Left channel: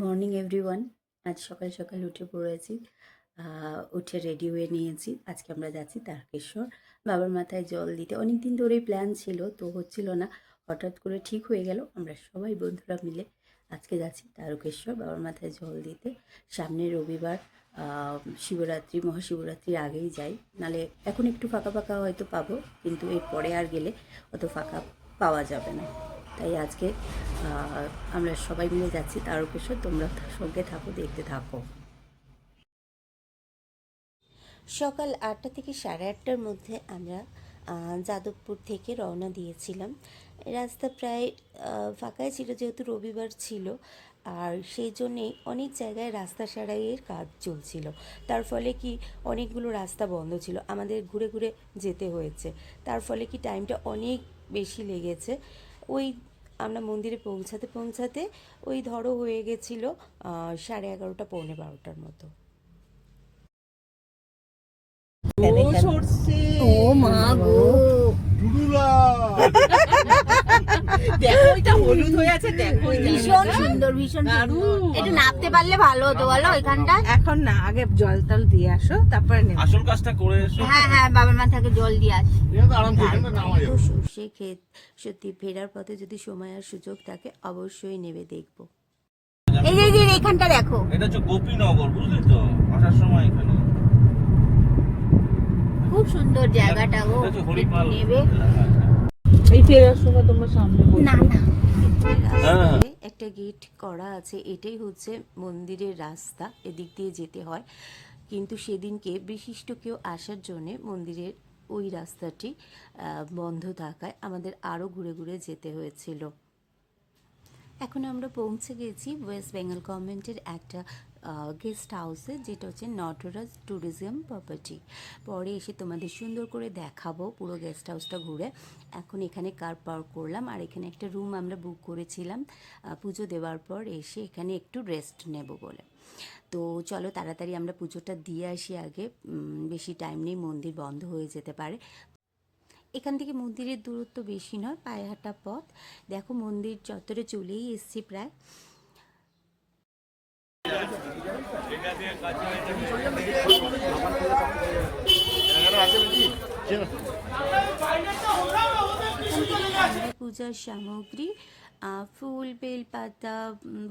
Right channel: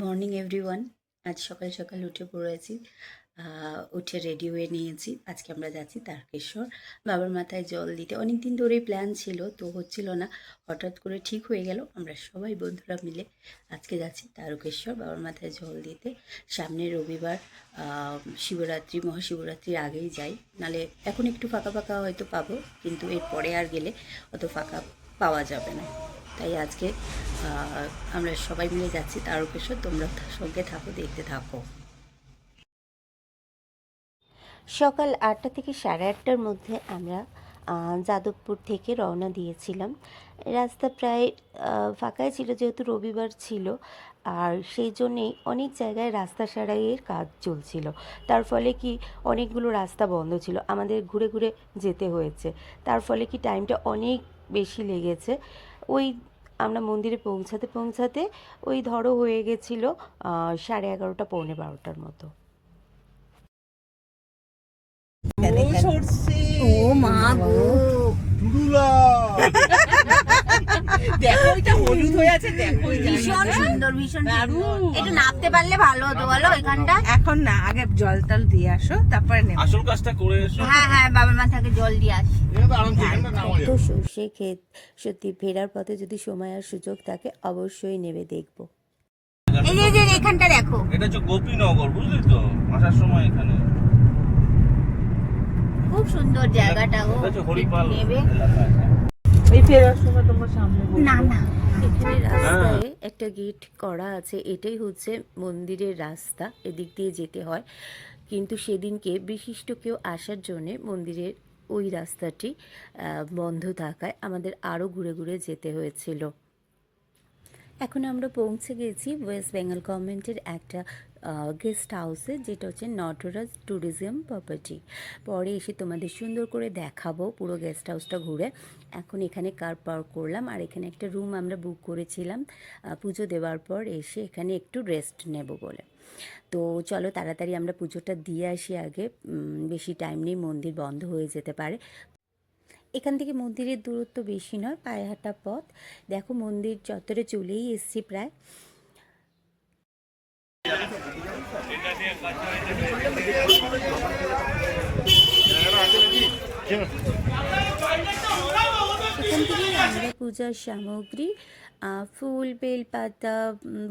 Morning everyone. আজ সকাল সকাল উঠে পড়েছি। উঠে রেডি হয়ে নিয়েছি। আজকে আমরা যাচ্ছি তারকেশ্বর বাবার মাথায় জল দিতে। অনেক দিন ধরেই প্ল্যান ছিল, তো হচ্ছিল না। হঠাৎ করে ঠিক হয়ে গেল। আমরা সবাই বন্ধুরা মিলে আজকে যাচ্ছি তারকেশ্বর বাবার মাথায় জল দিতে। সামনের রবিবার শিবরাত্রি, মহাশিবরাত্রির আগেই যাই, নালে এখন একটু ফাঁকা ফাঁকা হয়তো পাবো, কিন্তু এরপরে আর গেলে অত ফাঁকা পাওয়া যাবে না। তাই আজকে আমরা সবাই মিলে যাচ্ছি তারকেশ্বর। তোমরা সঙ্গে থাকো, দেখতে থাকো। সকাল 8টা থেকে 8:30টার মধ্যে আমরা যাদবপুর থেকে রওনা দিয়েছিলাম। রাস্তা প্রায় ফাঁকাই ছিল, যেহেতু রবিবার ছিল, আর সেই জন্যেই অনেক জায়গায় রাস্তা সারাইয়ের কাজ চলছিল। তার ফলে কি অনেকগুলো রাস্তা বন্ধ ছিল, আমাদের ঘুরে ঘুরে যেতে হয়েছে। তার ফলে কি টাইমটা অনেক বেশি লেগেছে। ওই আমরা মন্দিরে পৌঁছাতে পৌঁছাতে ওই ধরো হয়ে গেছিলো 11:30 পৌনে 12টার মতো। ও মা গো, দেখো এটা হলুদ হয়ে আছে, দেখো ভীষণ সুন্দর, ভীষণ সুন্দর। একটু নাপতে পারলে ভালো হতো বলো ওইখানটা। এখন না, আগে জল টল দিয়ে আসো, তারপরে নেবে। আসল কাজটা করে এসো। হ্যাঁ হ্যাঁ, বাবার মাথাকে জল দিয়ে আসি। তো সর্ষে ক্ষেত, সত্যি ফেরার পথে যদি সময় আর সুযোগ থাকে অবশ্যই নেবে দেখবো। এই যে এইখানটা দেখো, এটা হচ্ছে গোপীনগর, বুঝলি তো? আসার সময় এখানে খুব সুন্দর জায়গাটা গো। এটা হচ্ছে একটু হরিপাল নেবে। এই ফেরার সময় তোমার সামনে না না, এখানে রাস্তায় একটা গেট করা আছে, এটাই হচ্ছে মন্দিরের রাস্তা, এদিক দিয়ে যেতে হয়। কিন্তু সেদিনকে বিশিষ্ট কেউ আসার জন্যে মন্দিরের ওই রাস্তাটি বন্ধ থাকায় আমাদের আরও ঘুরে ঘুরে যেতে হয়েছিল। এখন আমরা পৌঁছে গেছি ওয়েস্ট বেঙ্গল গভর্নমেন্টের একটা গেস্ট হাউসে, যেটা হচ্ছে নটরাজ ট্যুরিজম প্রপার্টি। পরে এসে তোমাদের সুন্দর করে দেখাবো পুরো গেস্ট হাউসটা ঘুরে। এখন এখানে কার পার্ক করলাম, আর এখানে একটা রুম আমরা বুক করেছিলাম পুজো দেওয়ার পর এসে এখানে একটু রেস্ট নেব বলে। তো চলো তাড়াতাড়ি আমরা পুজোটা দিয়ে আসি আগে, বেশি টাইম নেই, মন্দির বন্ধ হয়ে যেতে পারে। এখান থেকে মন্দিরের দূরত্ব বেশি নয়, পায়ে হাঁটা পথ। দেখো মন্দির চত্বরে চলেই এসছি প্রায়। এখান থেকে আমরা পূজার সামগ্রী, ফুল, বেলপাতা,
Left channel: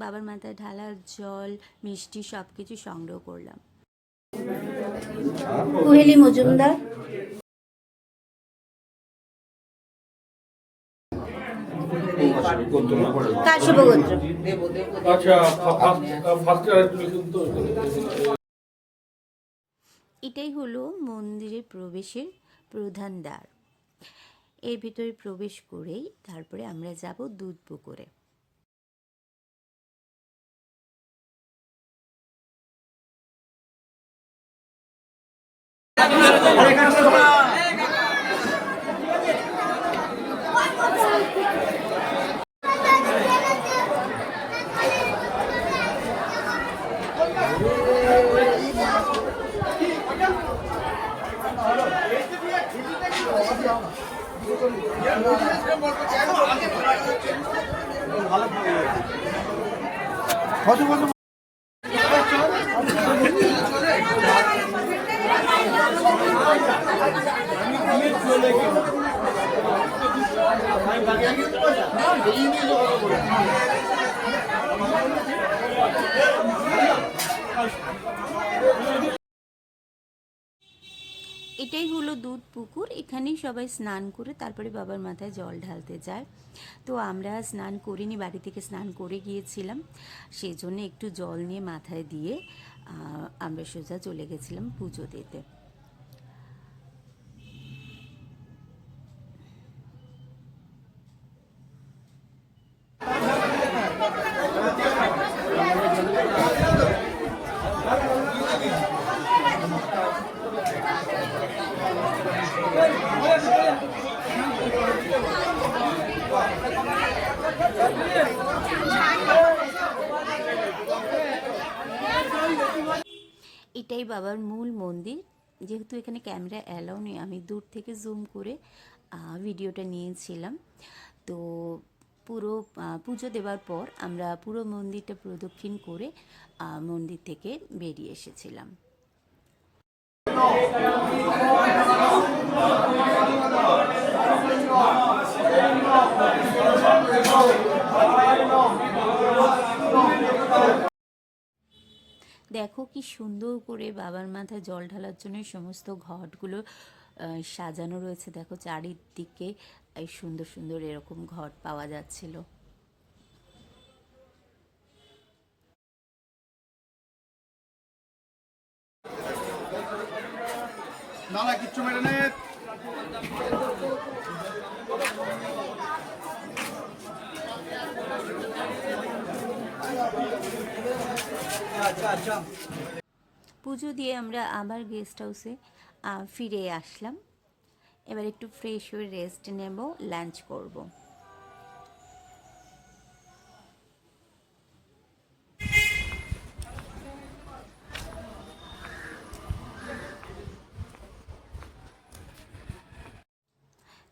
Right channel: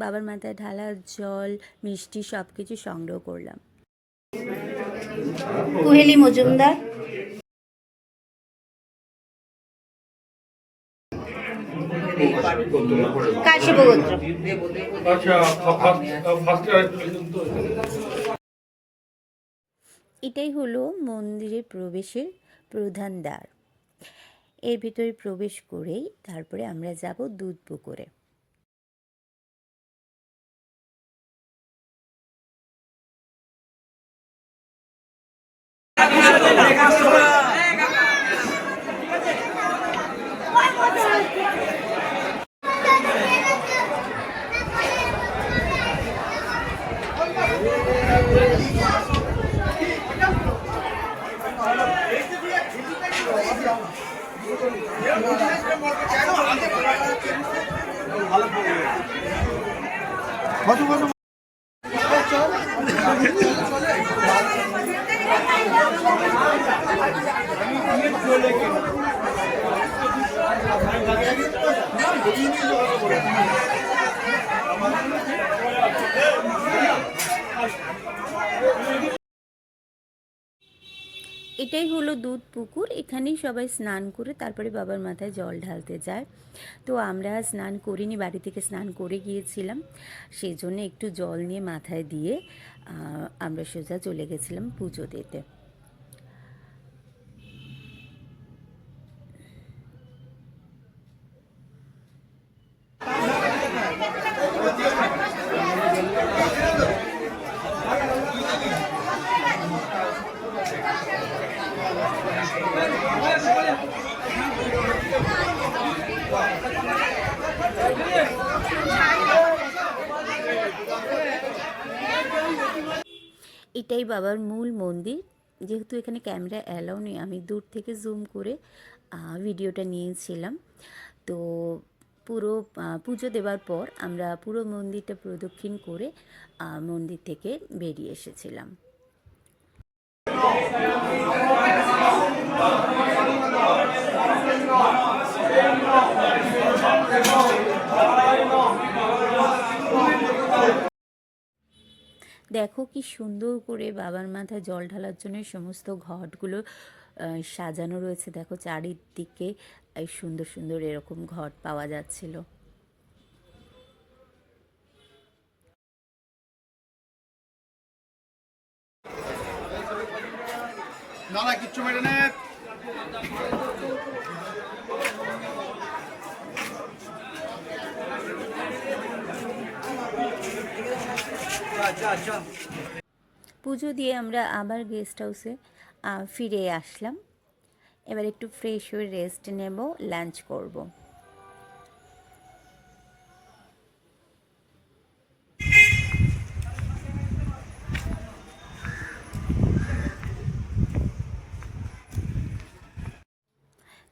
বাবার মাথায় ঢালার জল, মিষ্টি সব কিছু সংগ্রহ করলাম। কুহেলি মজুমদার। কাশ্যপগোত্র। এটাই হলো মন্দিরের প্রবেশের প্রধান দ্বার। এর ভিতরে প্রবেশ করেই তারপরে আমরা যাব দুধ পুকুরে। এটাই হলো দুধ পুকুর, এখানেই সবাই স্নান করে তারপরে বাবার মাথায় জল ঢালতে যায়। তো আমরা স্নান করিনি, বাড়ি থেকে স্নান করে গিয়েছিলাম, সেই জন্য একটু জল নিয়ে মাথায় দিয়ে আমরা সোজা চলে গেছিলাম পুজো দিতে। এটাই বাবার মূল মন্দির। যেহেতু এখানে ক্যামেরা অ্যালাউ নেই, আমি দূর থেকে জুম করে ভিডিওটা নিয়েছিলাম। তো পুরো পুজো দেওয়ার পর আমরা পুরো মন্দিরটা প্রদক্ষিণ করে মন্দির থেকে বেরিয়ে এসেছিলাম। দেখো কি সুন্দর করে বাবার মাথায় জল ঢালার জন্য সমস্ত ঘটগুলো সাজানো রয়েছে। দেখো চারিদিকে এই সুন্দর সুন্দর এরকম ঘট পাওয়া যাচ্ছিল। না না কিচ্ছু মেরে নে। পুজো দিয়ে আমরা আবার গেস্ট হাউসে ফিরে আসলাম। এবার একটু ফ্রেশ হয়ে রেস্ট নেব, লাঞ্চ করব।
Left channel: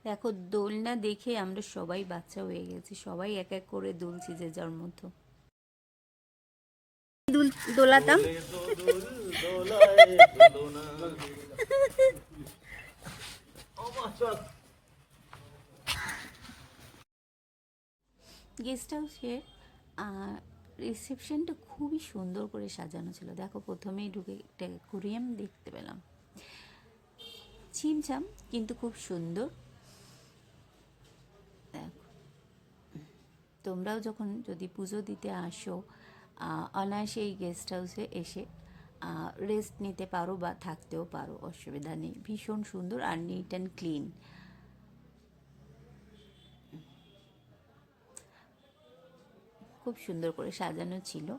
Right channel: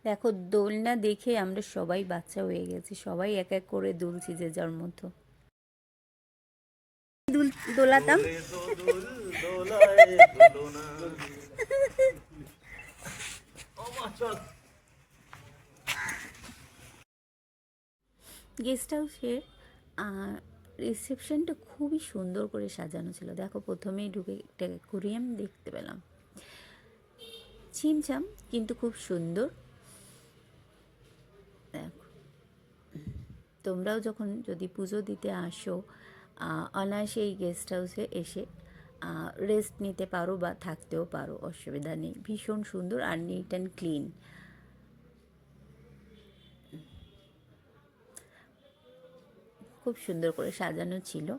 দেখো দোলনা দেখে আমরা সবাই বাচ্চা হয়ে গেছি, সবাই এক এক করে দুলছি যে যার মতো। দোলাতাম। গেস্ট হাউসের রিসেপশনটা খুবই সুন্দর করে সাজানো ছিল। দেখো প্রথমেই ঢুকে একটা অ্যাকোয়ারিয়াম দেখতে পেলাম, ছিমছাম কিন্তু খুব সুন্দর। দেখো তোমরাও যখন যদি পুজো দিতে আসো অনায়াসে এই গেস্ট হাউসে এসে রেস্ট নিতে পারো বা থাকতেও পারো, অসুবিধা নেই। ভীষণ সুন্দর আর নিট অ্যান্ড ক্লিন। খুব সুন্দর করে সাজানো ছিল।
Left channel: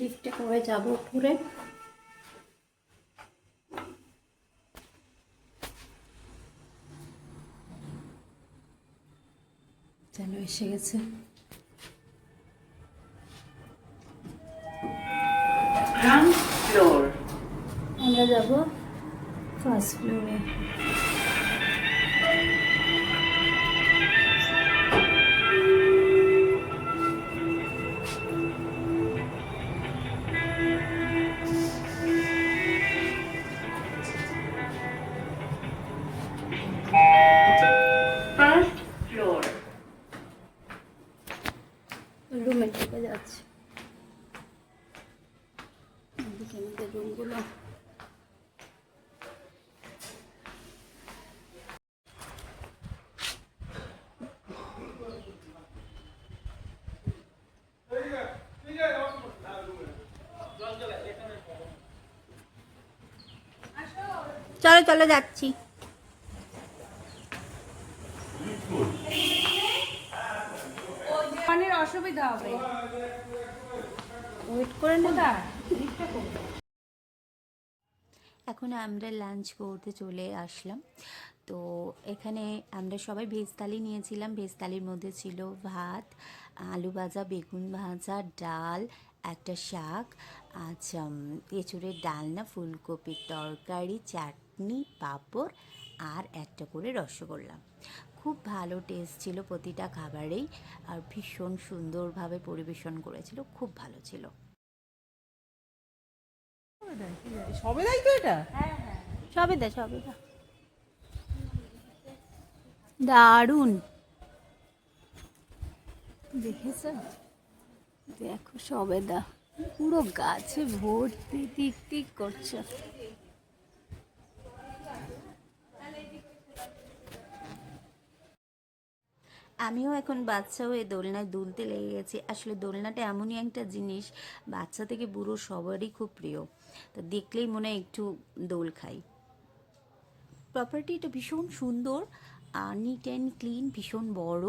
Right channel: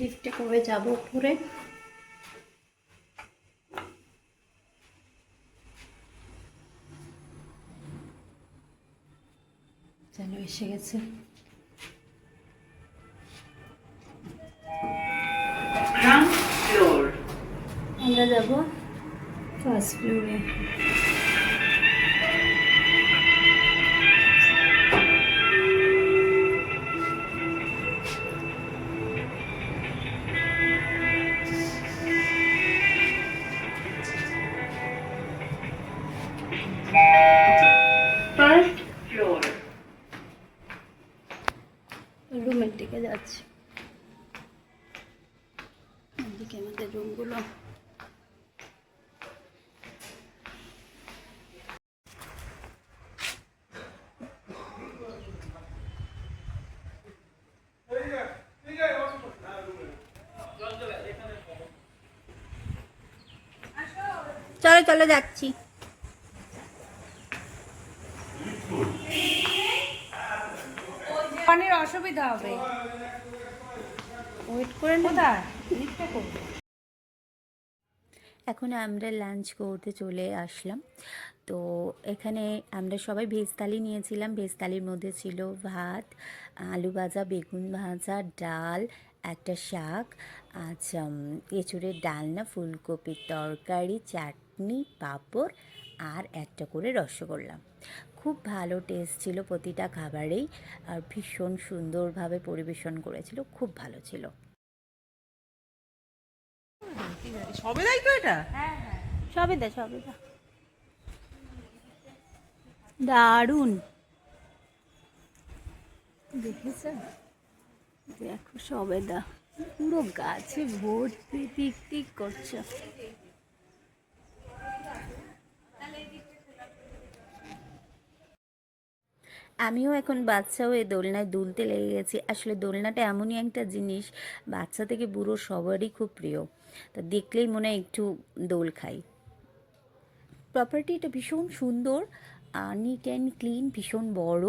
লিফটে করে যাব উপরে। যেন এসে গেছে। আমরা যাব ফার্স্ট ফ্লোরে। রুমের দিকে যাচ্ছি। এদিকে আমাদের রুমগুলো। চলো চলো যাচ্ছি। অনেক অসুবিধা হবে, ওয়েট করে না। এখন আমরা লাঞ্চ করতে চলে আসলাম। তো এখানে আমরা সবাই ভেজ থালি নিয়েছিলাম। ভেজ থালির মধ্যে ছিল ভাত, আলু ভাজা, বেগুন ভাজা, ডাল, একটা শাক, আচ্ছা এঁচুড়ের ডালনা, ফুলকপির তরকারি, চাটনি, পাঁপড় আর একটা করে রসগোল্লা। খুব ভালো টেস্ট ছিল প্রতিটা খাবারেই, আর ভীষণ সুন্দরভাবে পরিবেশন করেছিল, খুব ভালো ছিল। সবেদাই তো এটা। সবেদা সবেদা দারুণ। দেখেছ? দেখো সবেদা পুরো গাছে ভর্তি, টিক টিক করছে। আমিও এখন বাচ্চা হয়ে দোলনায় দুলতে লেগে গেছি। আসলে দোলনাটা এমনই একটা জিনিস, বাচ্চা থেকে বুড়ো সবারই খুব প্রিয়। তা দেখলেই মনে হয় একটু দোল খাই। প্রপার্টিটা ভীষণ সুন্দর, নিট অ্যান্ড ক্লিন, ভীষণ বড়।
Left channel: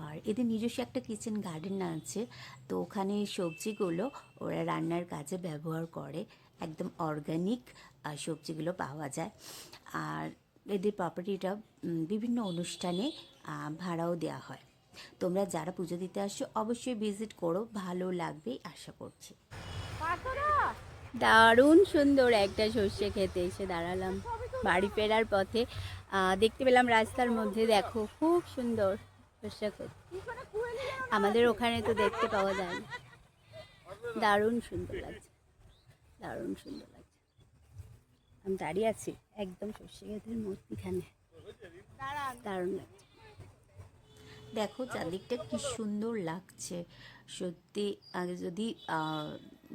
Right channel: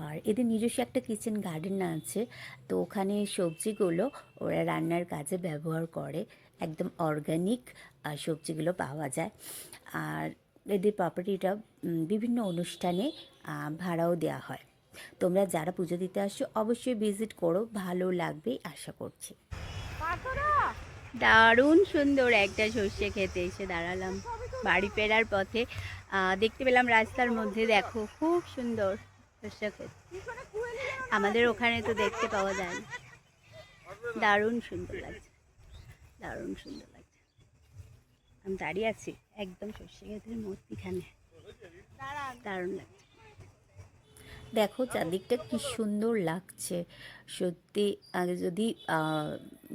আর এদের নিজস্ব একটা কিচেন গার্ডেন আছে, তো ওখানে সবজিগুলো ওরা রান্নার কাজে ব্যবহার করে, একদম অর্গানিক সবজিগুলো পাওয়া যায়। আর এদের প্রপার্টিটা বিভিন্ন অনুষ্ঠানে ভাড়াও দেওয়া হয়। তোমরা যারা পুজো দিতে আসছো অবশ্যই ভিজিট করো, ভালো লাগবে আশা করছি। দারুণ সুন্দর একটা সর্ষে খেতে এসে দাঁড়ালাম বাড়ি ফেরার পথে। দেখতে পেলাম রাস্তার মধ্যে, দেখো খুব সুন্দর সর্ষে ক্ষেত। আমাদের ওখানে তো দেখতে পাওয়া যায় না। দারুণ সুন্দর লাগছে, দারুণ সুন্দর লাগছে। আমি দাঁড়িয়ে আছি একদম সর্ষে ক্ষেতের মধ্যিখানে, দারুণ লাগছে। দেখো চারদিকটা কি সুন্দর লাগছে সত্যি। আগে যদি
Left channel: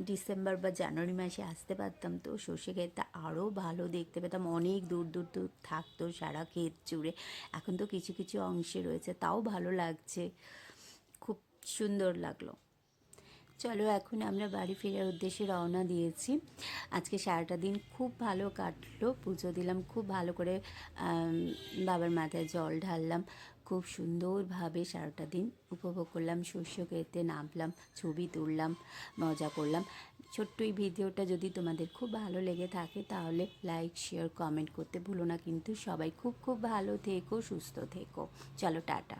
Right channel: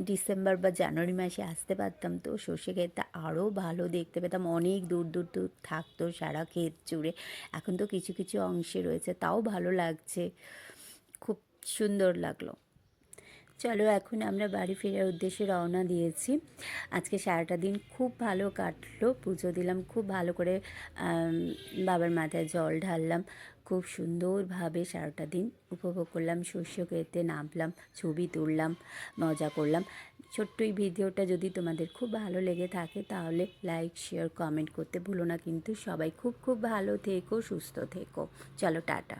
ডিসেম্বর বা জানুয়ারি মাসে আসতে পারতাম তো সর্ষে ক্ষেতটা আরও ভালো দেখতে পেতাম, অনেক দূর দূর দূর থাকতো সারা ক্ষেত জুড়ে। এখন তো কিছু কিছু অংশে রয়েছে, তাও ভালো লাগছে, খুব সুন্দর লাগলো। চলো এখন আমরা বাড়ি ফেরার উদ্দেশ্যে রওনা দিয়েছি। আজকে সারাটা দিন খুব ভালো কাটলো, পুজো দিলাম, খুব ভালো করে বাবার মাথায় জল ঢাললাম, খুব সুন্দরভাবে সারাটা দিন উপভোগ করলাম, শস্য খেতে নামলাম, ছবি তুললাম, মজা করলাম। ছোট্ট এই ভিডিওটা যদি তোমাদের খুব ভালো লেগে থাকে তাহলে লাইক শেয়ার কমেন্ট করতে ভুলো না কিন্তু। সবাই খুব খুব ভালো থেকো, সুস্থ থেকো। চলো টাটা।